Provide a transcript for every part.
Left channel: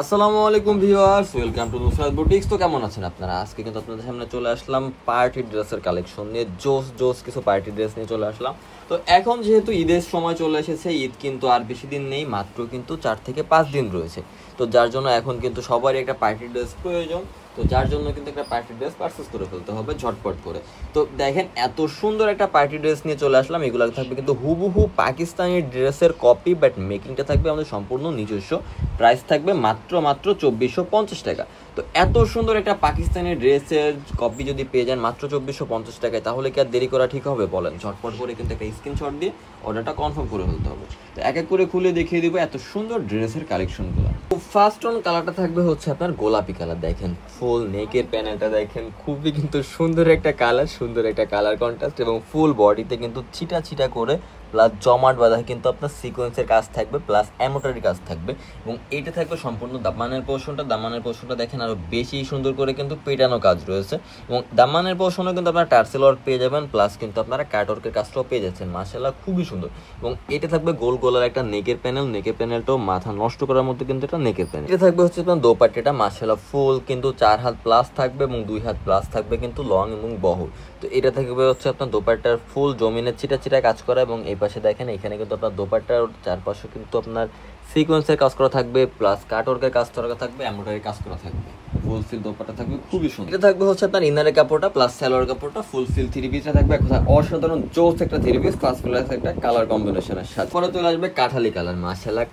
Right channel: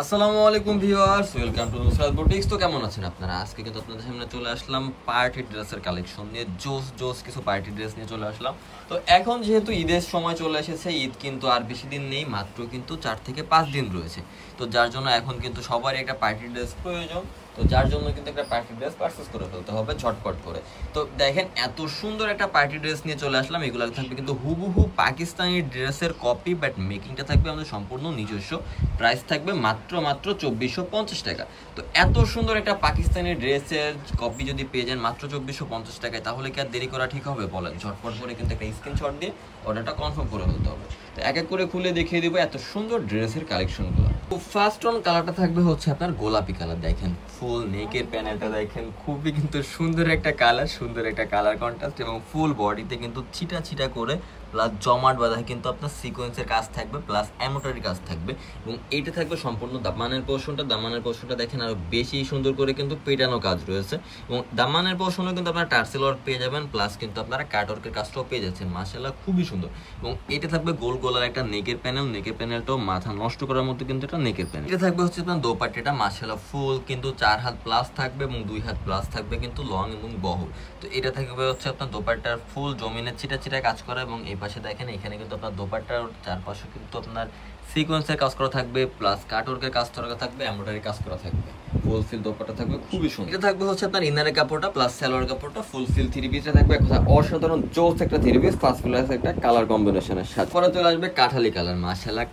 আসসালামু আলাইকুম viewers, welcome to Nusrat boutiques. তো কেমন আছেন আপনারা? আজকে কিন্তু আপনাদের সামনে চলে আসলাম পার্টি ড্রেসের কালেকশন নিয়ে। জোস জোস কিছু পার্টি ড্রেস নিয়ে চলে আসলাম। তো এখন যেহেতু ঈদের সময় চলে এসেছে, ঈদ কিন্তু আর বেশি দিন নেই, মাত্র কিন্তু 4 থেকে 5 দিন রয়েছে। তো যার জন্য এখন কিন্তু সবারই একটা পার্টি ড্রেস প্রয়োজন। তো যার জন্য কিন্তু একটা পার্টি ড্রেস পারচেজ করে ফেলতে হবে ঝটপট করে। তো দেখেন এত সুন্দর একটা পার্টি ড্রেস নিয়ে চলে আসলাম। এগুলো থাকবে কিন্তু হুবহু পাকিস্তানি ড্রেসের কপি, বাট মেকিংটা থাকবে আমাদের সম্পূর্ণ নিজস্ব। প্রাইস থাকবে মাত্র 2450 টাকা। তো এত সুন্দর একটা পাকিস্তানি ড্রেসের কপি যদি পেয়ে যান মাত্র 2450 টাকায়, তাহলে কি আর দেরি করা ঠিক হবে বলেন? ঝটপট করে কিন্তু একটা স্ক্রিনশট দিয়ে অর্ডারটা কনফার্ম করে ফেলতে হবে। তো এক এক করে খুলে দেখিয়ে দিব এত সুন্দর ড্রেসের কালেকশনগুলো। তো ফার্স্ট অন কালারটা থাকবে হচ্ছে আপনার গোলাপি কালার। দেখেন ফুল নেকের প্যানেলটা দেখেন, খুবই কিন্তু সুন্দর একটা কালার, সুন্দর একটা কালার কন্ট্রাস্ট, এবং ফুল বডিতে কিন্তু ছিটা ছিটা করে প্লাস জমাট বাঁধা কিন্তু আপনার সিকোয়েন্সের কাজ থাকবে, প্লাস এমব্রয়ডারি কাজ থাকবে। এবং এইটা থাকবে সম্পূর্ণ দামানের পোর্শনটা দেখেন আরো বেশি সুন্দর করে কিন্তু পেটানো কাজ রয়েছে। এবং দামানের পোর্শনে কিন্তু আপনারা টার্সেল ওয়ার্ক পেয়ে যাবেন, প্লাস কিন্তু আপনারা কাটওয়ার্কের কাজটাও পেয়ে যাচ্ছেন। মাশাআল্লাহ খুবই সুন্দর। এবং এটা থাকবে গোল গোলার একটা নেকের প্যানেল, নেকের প্যানেলটাও মাথা নষ্ট করার মতো কিন্তু এটা নেকের প্যানেল। এটা থাকবে হচ্ছে আপনার দোপাট্টাটা মাশাআল্লাহ ফুল কিন্তু 4 হাত প্লাস থাকবে, এবং 2 হাত প্লাস থাকবে কিন্তু লং এবং বহর। তো এটা থাকবে হচ্ছে আপনার দোপাট্টার ফুল জমিনের ছিটা ছিটা কাজ করা, এবং এই পাশে দেখেন এখানে কিন্তু আপনার দোপাট্টার চারপাশে কিন্তু আপনার সিকোয়েন্সের কাজ করা থাকবে, প্লাস কাটওয়ার্কের কাজ করা থাকবে, এমব্রয়ডারি কাজ করা থাকবে। ফুল ফিল দোপাট্টা থাকবে খুবই সুন্দর। এটা থাকবে হচ্ছে আপনার ইনারের কাপড়টা প্লাস সালোয়ার কাপড়টা, ফুল ফিল থ্রি পিসটা থাকবে এক কথা অসাধারণ জোস একটা থ্রি পিস, ফার্স্ট ক্লাস একটা কালার কম্বিনেশনের সাথে। পরে চলে আসবে কাঠালি কালার, মাশাআল্লাহ।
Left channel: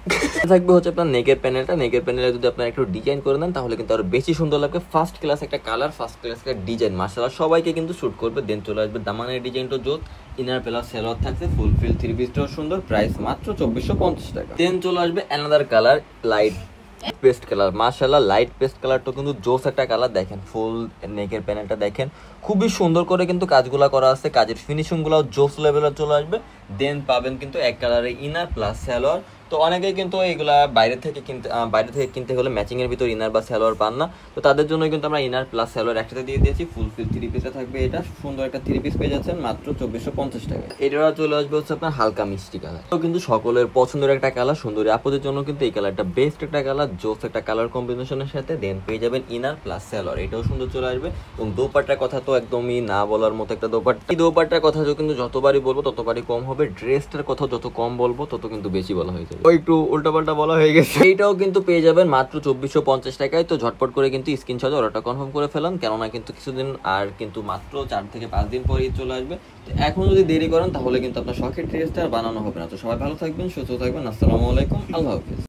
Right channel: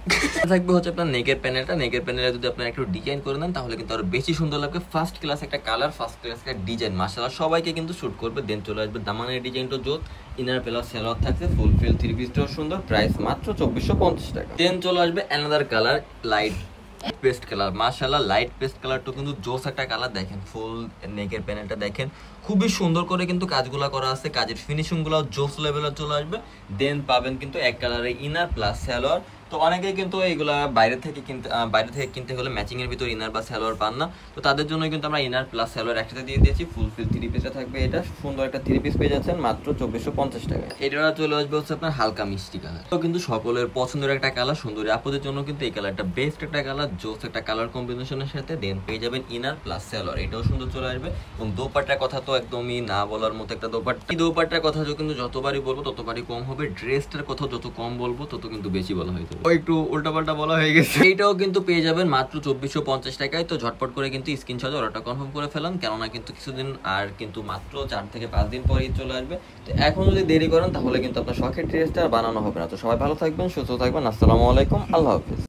থাকবে হচ্ছে আপনার নেকের প্যানেলটা, নেকের প্যানেলে যদি আপনারা একটু ডিজাইন করে দেন তাহলে কিন্তু আরো বেশি সুন্দর লাগবে। ফার্স্ট ক্লাস একটা কালার, ফার্স্ট ক্লাস একটা ডিজাইন, মাশাআল্লাহ সবাইকে কিন্তু শুট করবে। দেন চলে আসবে দামানের ডিজাইনটা জোস, ইনার প্লাস সালোয়ার থাকছে, ফুল ফিল থ্রি পিসটাও সুন্দর, প্রাইস মাত্র 2450 টাকা। দেন চলে আসবে another colour, light paste colour, মাশাআল্লাহ লাইট পেস্ট কালারটা কিন্তু জোস একটা কালার। দেখেন ফুল নেকের প্যানেলটা দেখেন খুবই সুন্দর করে কিন্তু কাজগুলো করা আছে, কাজের ফিনিশিং গুলো জোস লেভেলে চলে আসবে। দেন পাবেন কিন্তু এক কালারের ইনার প্লাস সালোয়ার। তো অনেকেই কিন্তু এইগুলা বাইরে থেকে কিনতে হলে ম্যাচিং এর ভিতর ইনার বা সালোয়ার পান না। তো তাদের জন্য কিন্তু আমরা ইনার প্লাস সালোয়ার একসাথে দিয়ে দিয়েছি। ফুল ফিল থ্রি পিসটা থাকবে, এটা সুন্দর একটা থ্রি পিস পেয়ে যাচ্ছেন মাত্র 2450 টাকা। এটা চলে আসবে হচ্ছে আপনার হালকা মিষ্টি কালার, তো কিন্তু সকলের পছন্দের একটা কালার, সুন্দরী আপুদের জন্য কিন্তু এই কালারটা বেস্ট একটা কালার, জোস একটা কালার কম্বিনেশনের সাথে। দেন পেয়ে যাবেন ইনার প্লাস সালোয়ার, এটাও সুন্দর চলে আসবে। এবং দোপাট্টার কথা তো একদমই না বলার মতো একটা দোপাট্টা। এই দোপাট্টার কথা কিন্তু যতবারই বলবো ততবারই কম হবে, ড্রেসটার কথা যত কম বলবো তত কিন্তু বেশি বলা হয়ে যাবে, একটু উল্টাপাল্টা বলা হয়ে গেছে। এইটাও কিন্তু পেয়ে যাবেন মাত্র 2450 টাকায়। তো ঝটপট করে কিন্তু স্ক্রিনশট অর্ডারটা কনফার্ম করে ফেলান, কেননা কিন্তু কিছুদিন আর কিন্তু মাত্র 4 থেকে 5 দিন পরেই চলে আসবে। তো এখন যদি দেরি করেন তাহলে কিন্তু আপনার শখের ড্রেসটা আর বানানো হবে না। তো সবাই ভালো থাকবেন, সুস্থ থাকবেন। আসসালামু আলাইকুম, আল্লাহ হাফেজ।